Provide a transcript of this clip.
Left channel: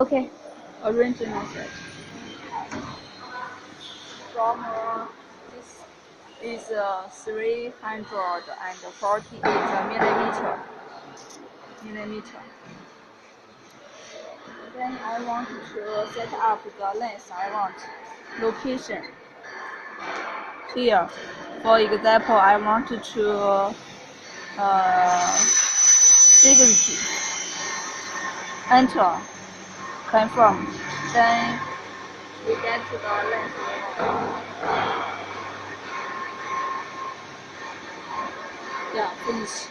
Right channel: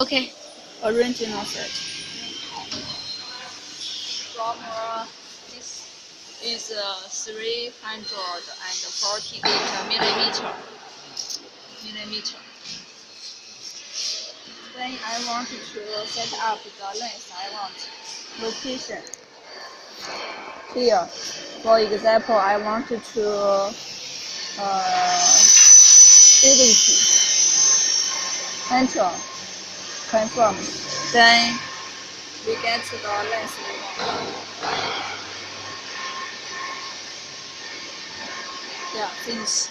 Okay, original set. From this is 348 millimeter. Then I want to set up the length I want. Location. Here, for example, I want to signature. Enter. Confirm. Then we get the length. Yeah, finish.